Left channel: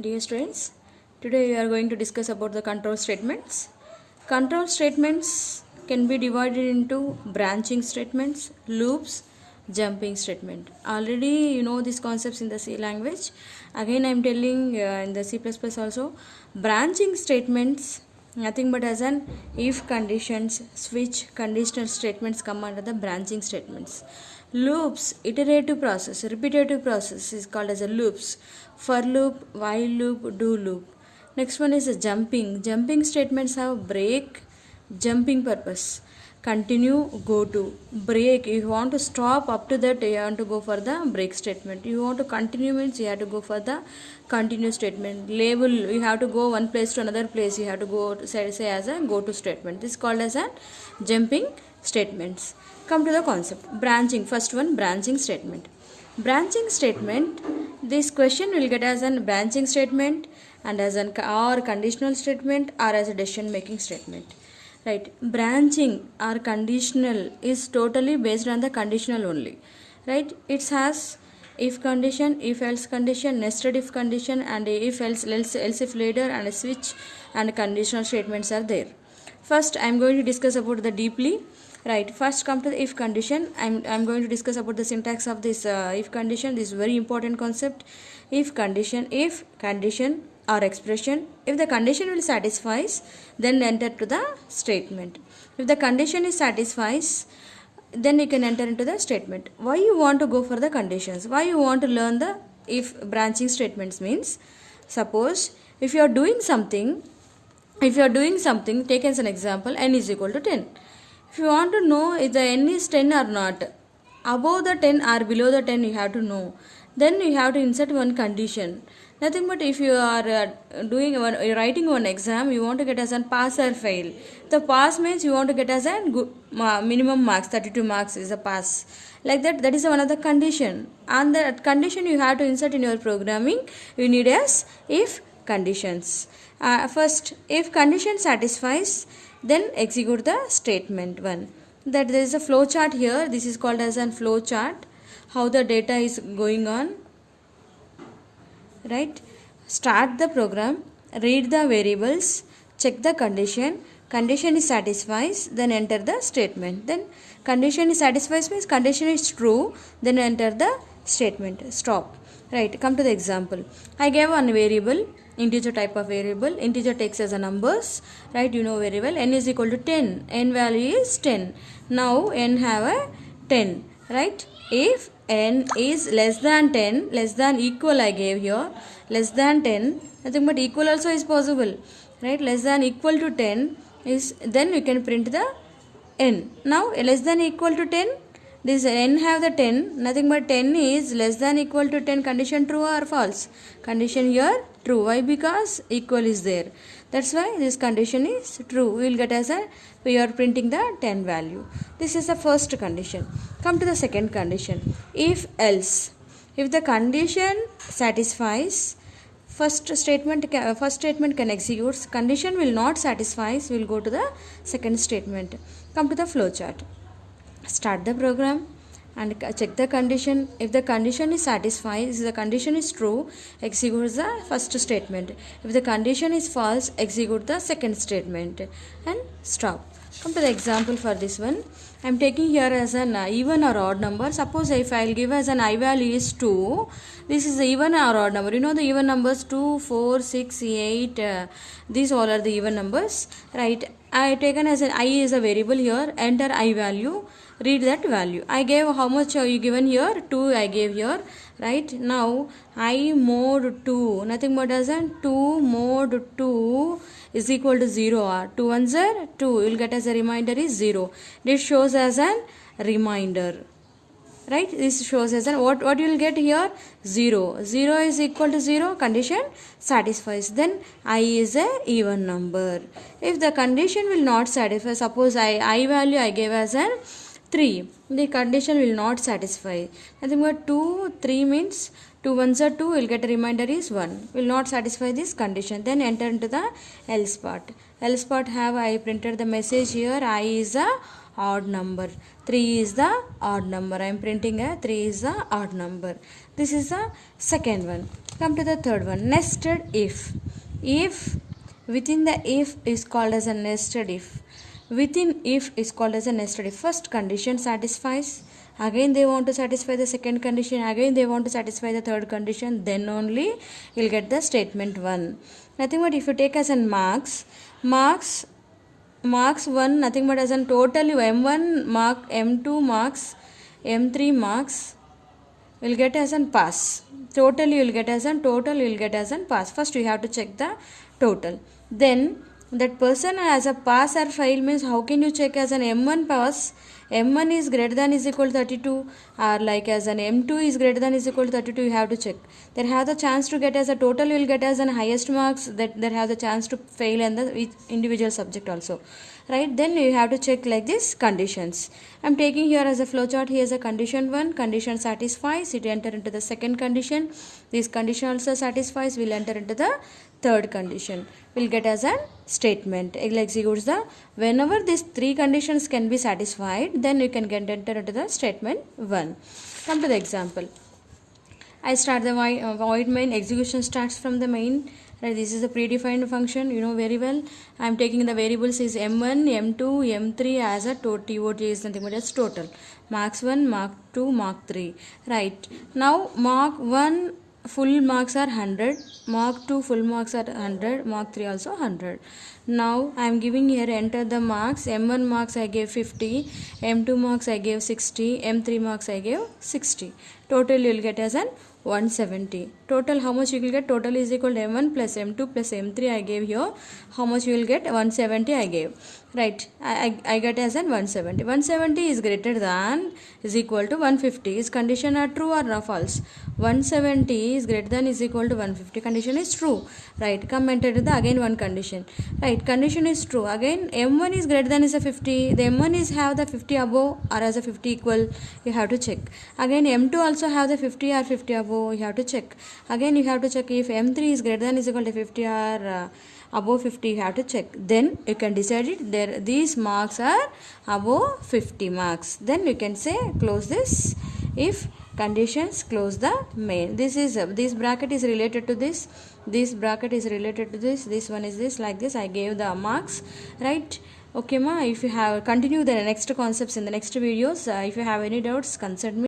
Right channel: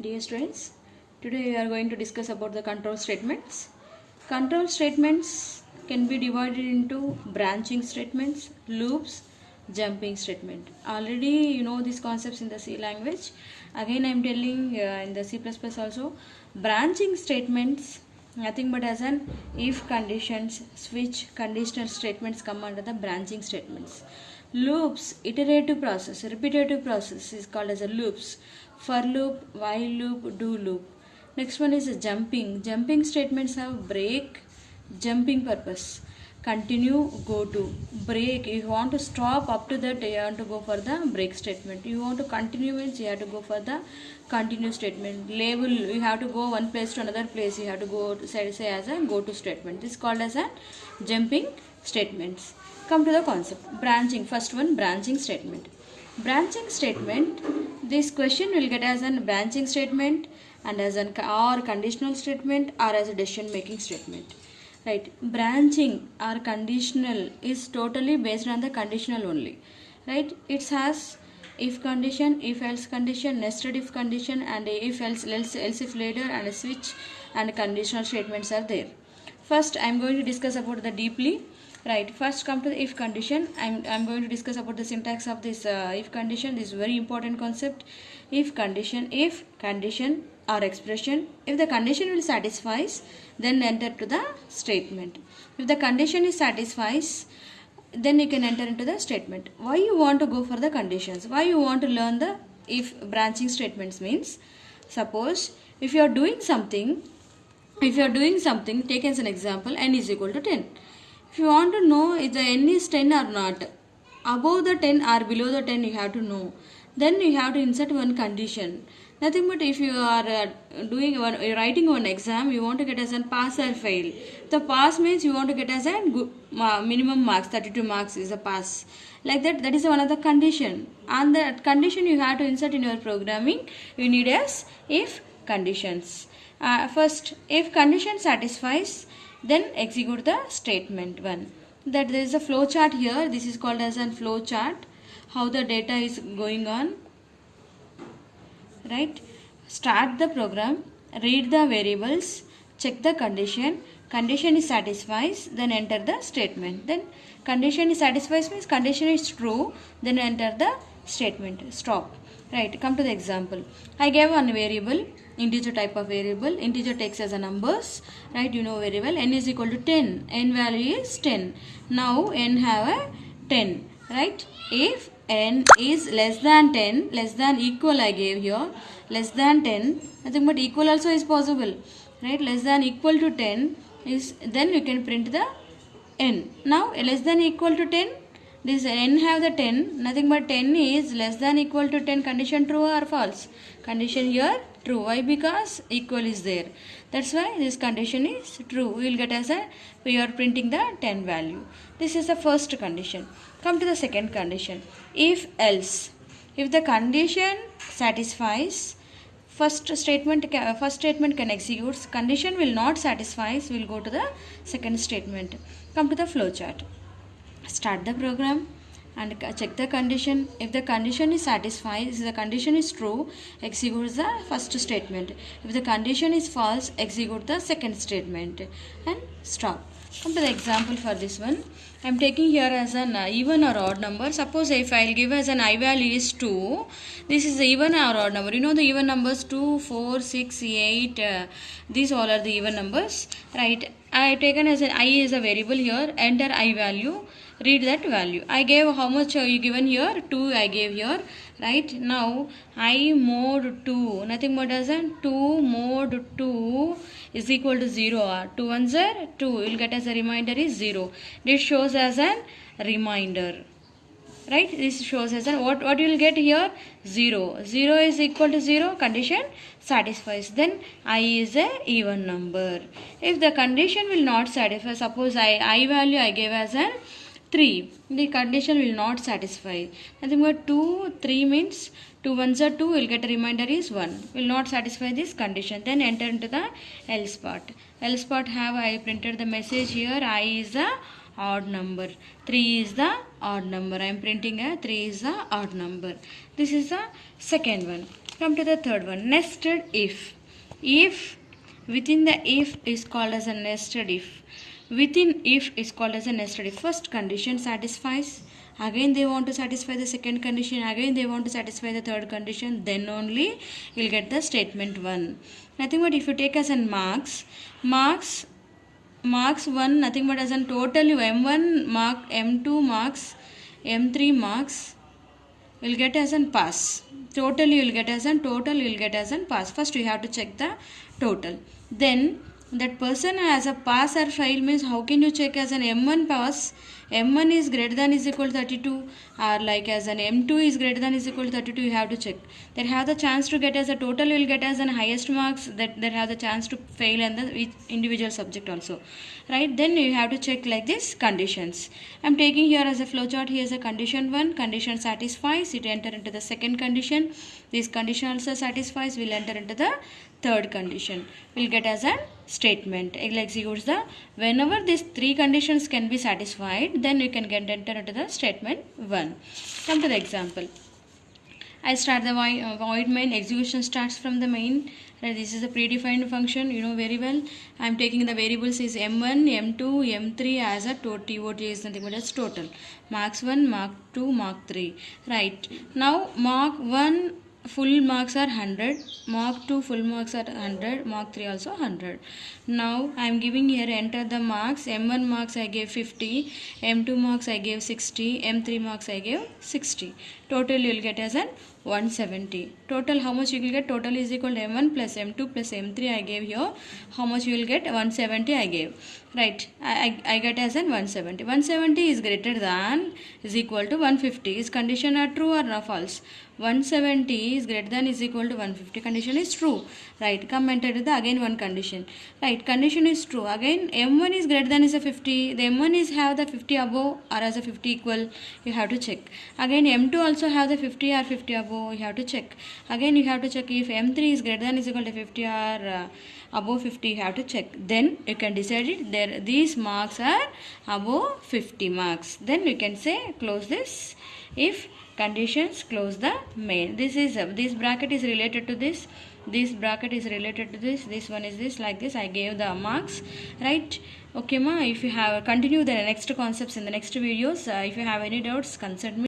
Dear students, today we are going to discuss about the control statements. Control statements can be divided into branching statements, loops, jumping statement. Already you know these concepts in the C language. Again I am telling in the C++ also. Branching statements nothing but as an if conditions, switch, conditional statements come under the branching statements. Loops, iterative process, repetitive process is called as a loops. For loop, while loop, do loop. Next one is a jumping. Jumping statements have break, jumping purpose. Continue, go to. Break, if you want to stop up to that, you have to go for the break statement. You want to continue means you have to go for the continue statement. Label, you have to go one place to another place. You have to go say as a go to statement. This is called as a jumping statements. Come to the concept. Branching. First one, branching statement. Branching statement, this question will get as a branching statement and as an or conditional statement or as a decision making statement. Right, branching or conditional is totally based on the conditional only. Right, it has if condition, if else condition, nested if condition, and if else if later, and a switch and conditional statements are there. First I am going to discuss about the deeply. Right, first come to the if condition. I'm going to discuss about the syntax of this if condition. This is very important concept. If condition or expression, if the condition will satisfies, then enter to the statement. If the condition is satisfies, then you can enter into the statement. Why you want to go for the conditions? Why you want to learn the if branching statements means, suppose if you are doing something, take as an example, n is equal to 10. If you want to know if the n is 10 or not, above the 10 or below the 10 you have to know. Then you have to insert one condition. Nothing but if you are writing one exam, you want to get as a pass or fail. The pass means you want to get as a good, minimum marks, 32 marks is a pass. Like that is one of the condition. And that condition you have to insert in your programming. You need as if conditions. First, if condition satisfies, then execute the statement 1. That there is a flow chart here. This is called as a flow chart. How the data is going on. Right. Start the program. Read the variables. Check the condition. Condition is satisfies. Then enter the statement. Then condition is satisfies means condition is true. Then enter the statement. Stop. Right. Come to the example. I gave one variable. Integer type of variable. Integer takes as a numbers. Right, you know very well. N is equal to 10. N value is 10. Now n have a 10. Right. If n is less than 10, less than equal I gave here. Less than 10. Nothing but equal also is possible. Right. Less than equal to 10 is, then we can print the n. Now less than equal to 10. This n have the 10. Nothing but 10 is less than equal to 10. Condition true or false? Condition here true. Why? Because equal is there. That's why this condition is true. We will get as a, we are printing the 10 value. This is the first condition. Come to the second condition. If else. If the condition satisfies, first statement can execute. Condition will not satisfy. We will go to the second statement. Come to the flow chart. Start the program and check the condition. If the condition is satisfied, if the condition is true, execute the first statement. If the condition is false, execute the second statement and stop. Come to the example for this one. I am taking here as an even or odd number. Suppose if I will give as an I value is 2, this is the even or odd number. You know the even numbers 2, 4, 6, 8, these all are the even numbers. Right. I taken as an I is a variable here. Enter I value. Read that value. I gave how much you given here? 2 I gave here. Right. Now I mod 2. Nothing but as an 2 mod 2 is equal to 0. 2 ones are 2. You will get as a reminder is 0. This shows as an reminder. Right. This shows as an what you will get here? 0. 0 is equal to 0. Condition satisfies. Then I is a even number. If the condition will not satisfy, suppose I value I gave as an 3. The condition will not satisfy. Nothing but 2, 3 means 2 ones are 2. Will get a reminder is 1. Will not satisfy this condition. Then enter into the else part. Else part have I printed the message here. I is a odd number. 3 is the odd number. I am printing a 3 is the odd number. This is the second one. Come to the third one, nested if. If within the if is called as a nested if. Within if is called as a nested if. First condition satisfies, again they want to satisfy the second condition, again they want to satisfy the third condition, then only you'll get the statement 1. Nothing but if you take as in marks 1, nothing but as in total you m1 mark, m2 marks, m3 marks, you'll get as an pass. Total you'll get as an pass. First you have to check the total. Then that person has a pass or fail means how can you check as an m1 pass? m1 is greater than is equal to 32, or like as an m2 is greater than is equal to 32, you have to check. There have the chance to get as a total, you will get as an highest marks, that there have the chance to fail in the individual subject also, right? Then you have to check like this conditions. I'm taking here as a flowchart. Here is a condition 1, condition satisfies, it enter into the second condition. This condition also satisfies, will enter into the third condition, will get as a statement. It executes the, whenever these three conditions can be satisfied, then you can get enter into the statement 1. Come to the example. I start the void main, execution starts from the main. This is a predefined function, you know very well. I am taking the variables is m1, m2, m3 as a total. TOT is nothing but as total. Marks 1, mark 2, mark 3. Right. Now mark 1 full marks are 100, mark 2 full marks are 100, mark 3 also 100. Now I am giving here, enter the marks. M1 marks I gave 50, M2 marks I gave 60, M3 marks I gave 60. Total you will get as an 170. Total how much you will get? Total is equal to M1 plus M2 plus M3 I gave here. How much you will get? 170 I gave. Right. I get as an 170. 170 is greater than is equal to 150. Is condition are true or false? 170 is greater than is equal to 150. Condition is true. Right. Come enter the again one condition. Right. Condition is true. Again M1 is greater than is a 50. The M1 is have the 50 above or as a 50 equal. You have to check. Again M2 also have the 50 or 50 above. You have to check. Again you have to check if M3 is greater than is equal to 50 or above 50, you have to check. Then you can decide it. There these marks are above 50 marks. Then you can say close this. If conditions, close the main. This is this bracket is related to this. This bracket is related to this. This one is this, like this. I gave the marks, right? Okay, ma. If you have continue the next concepts in the next videos. If you have any doubts, consult me.